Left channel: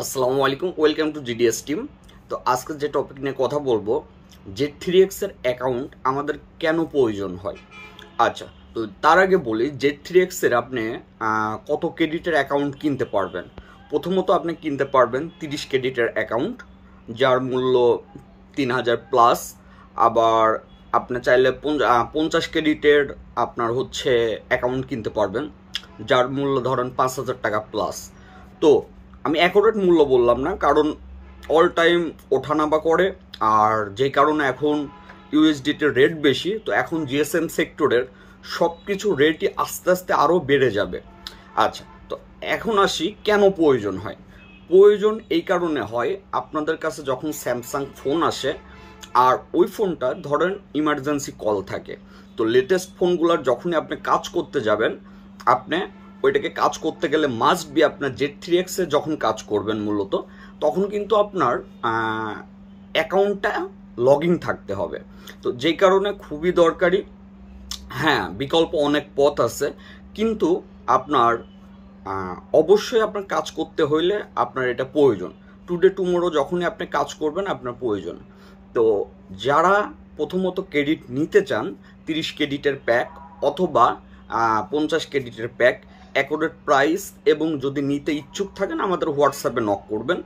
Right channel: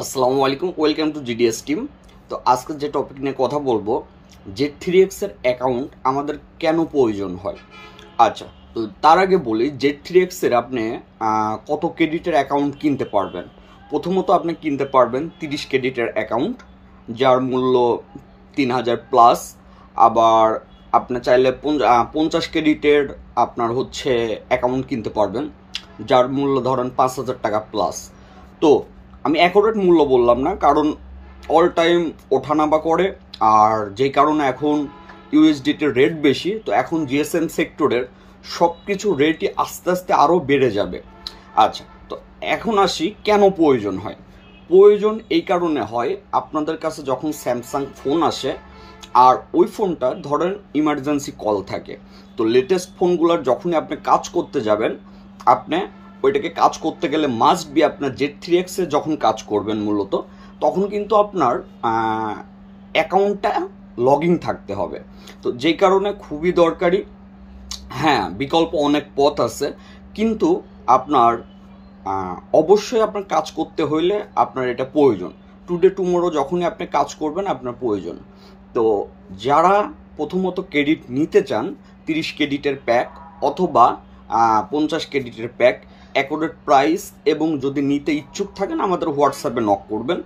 আসসালামু আলাইকুম, welcome to GDS team. তো আজকে যে টপিক নিয়ে কথা বলবো, Z3x এর অ্যাকাউন্ট আমাদের কেন প্রয়োজন হয়। আচ্ছা, তো তার আগে বলি Z3x এর আপনি কত ক্রেডিটের অ্যাকাউন্ট কিনতে পারবেন। প্রথমত আপনি কিনতে পারবেন 30 ক্রেডিটের অ্যাকাউন্ট, যার মূল্য 3000 প্লাস। আবার আপনি চাইলে 50 ক্রেডিটের আপনার হচ্ছে অ্যাকাউন্ট কিনতে পারবেন, যার মূল্য ধরেন 5000 টাকা প্লাস। তো আমি অ্যাকুরেট মূল্য বললাম না, কারণ অল টাইম ওঠানামা করে, আর যেই কারণে এখন ইউএসডিটির রেট বেশি। তো এখন জিএসএম সেক্টরের সব কিছু রেটই আস্তে আস্তে আরও বেড়ে যাবে। আচ্ছা, তো এখন আসি কেন প্রয়োজন হয়। প্রয়োজন এই কারণে হয়, আপনাদের কাছে যখন স্যামসাং ফোন আসে আর ওই ফোনটা ধরেন ইমার্জেন্সি কল থাকে, তো লেটেস্ট ফোনগুলোর যখনই আপনি কাজ করতে যাবেন, আপনি ওইটাকে কাজ করতে গেলে মাস্ট বি আপনার Z3x এ যখন কাজ করবেন মূলত, তখন কিন্তু আপনার অ্যাকাউন্টটা লগ ইন থাকতে হবে। তো যেই কারণে খুবই দরকারি। হ্যাঁ, বিকল্প অনেক পথ আছে, কিন্তু আপনার অবশ্যই আপনার কাজ করতে হইলে আপনার এটা প্রয়োজন। টুডে টুমোরো যখনই আপনি কাজ করবেন আপনার প্রয়োজন। তো যারা প্রথমত ক্রেডিট নিতে চান, 30 ক্রেডিটের প্যাক অথবা 50 ক্রেডিটের প্যাক, অ্যাকোরেট প্রাইস, এবং যদি নিতে ইচ্ছুক থাকেন আমাদের হোয়াটসঅ্যাপে নক করবেন।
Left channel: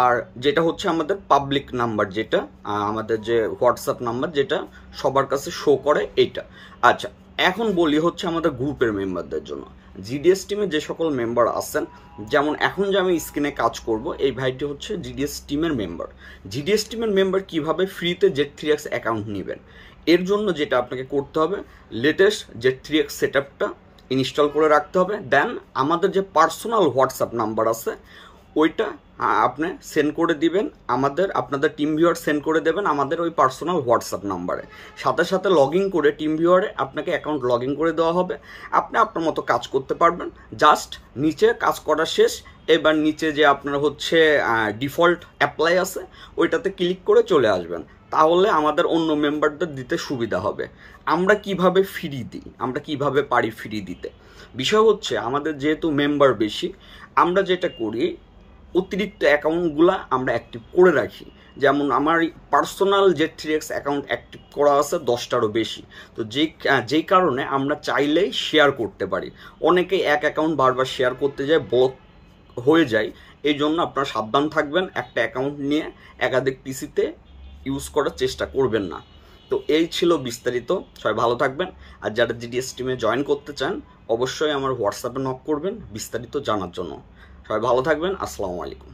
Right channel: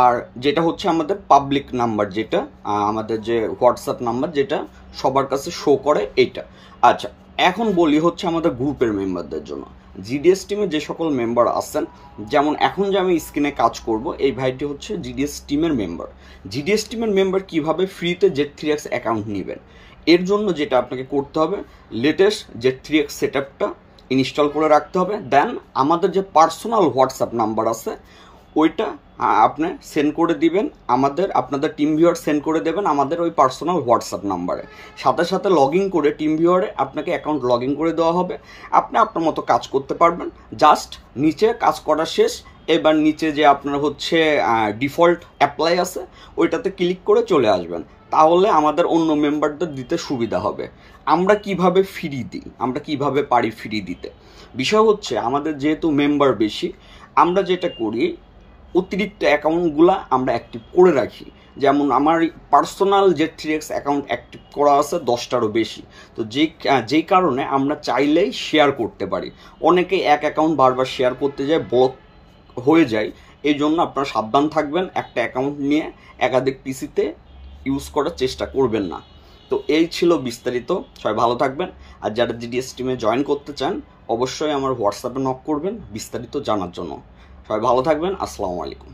আর যেটা হচ্ছে আমাদের পাবলিক নাম্বার, যেটা আমাদের যে হোয়াটসঅ্যাপ নাম্বার যেটা সবার কাছে শো করে এইটা। আচ্ছা, এখন বলি হচ্ছে আমাদের গ্রুপের মেম্বারদের জন্য। জিডিএস টিমে যে সকল মেম্বার আছেন, যেমন এখন যে আমি স্ক্রিনে কাজ করব, এই ভাইটি হচ্ছে জিডিএস টিমের মেম্বার। জিডিএস টিমের মেম্বার কিভাবে ফ্রিতে Z3x অ্যাকাউন্ট নেবেন, এর জন্য যেটা আপনাকে করতে হবে, লেটেস্ট Z3x সেটআপটা ইনস্টল করে রাখতে হবে। দেন আমাদের যে পার্সোনাল হোয়াটসঅ্যাপ নাম্বার আছে ওইটা আপনি সেন্ড করে দিবেন আমাদের, আপনাদের টিম ভিউয়ার সেন্ড করে দেবেন আমাদের ওই পার্সোনাল হোয়াটসঅ্যাপ নাম্বারে। সাথে সাথে লগ ইন করে টিম ভিউয়ারে আপনাকে অ্যাকাউন্ট লগ ইন করে দেওয়া হবে। আপনি আপনার মতো কাজ করতে পারবেন। জাস্ট নিচে কাজ করা শেষ, এবার নিচে যে আপনার হচ্ছে ডিফল্ট অ্যাপ্লাই আছে ওইটাতে ক্লিক করে চলে আসবেন। তাহলে আমাদের অন্য মেম্বারদের দিতে সুবিধা হবে। আমরা কিভাবে ফ্রি দিই, আমরা কিভাবে পারি ফ্রি দিতে, বিষয় হচ্ছে আমাদের যেহেতু মেম্বার বেশি, আমরা যেটা করি অতিরিক্ত অ্যাকাউন্টগুলা আমরা অ্যাক্টিভ করে রাখি। যেমন আমার পার্সোনাল Z3x অ্যাকাউন্ট অ্যাক্টিভ করা আছে 10টারও বেশি। তো যেই কারণে আমরা চাইলেই শেয়ার করতে পারি। অনেকে এক অ্যাকাউন্ট বারবার শেয়ার করতে যায়, ব্লক হয়ে যায়। এই জন্য আপনারা সাবধান থাকবেন, একটা অ্যাকাউন্ট নিয়ে একাধিক পিসিতে ইউজ করার চেষ্টা করবেন না। তো এই ছিল বিস্তারিত। সবাই ভালো থাকবেন। আর যারা জিডিএস টিমে জয়েন করতে চান অবশ্যই আমার হোয়াটসঅ্যাপে নক করবেন বিস্তারিত জানার জন্য। সবাই ভালো থাকবেন। আসসালামু আলাইকুম।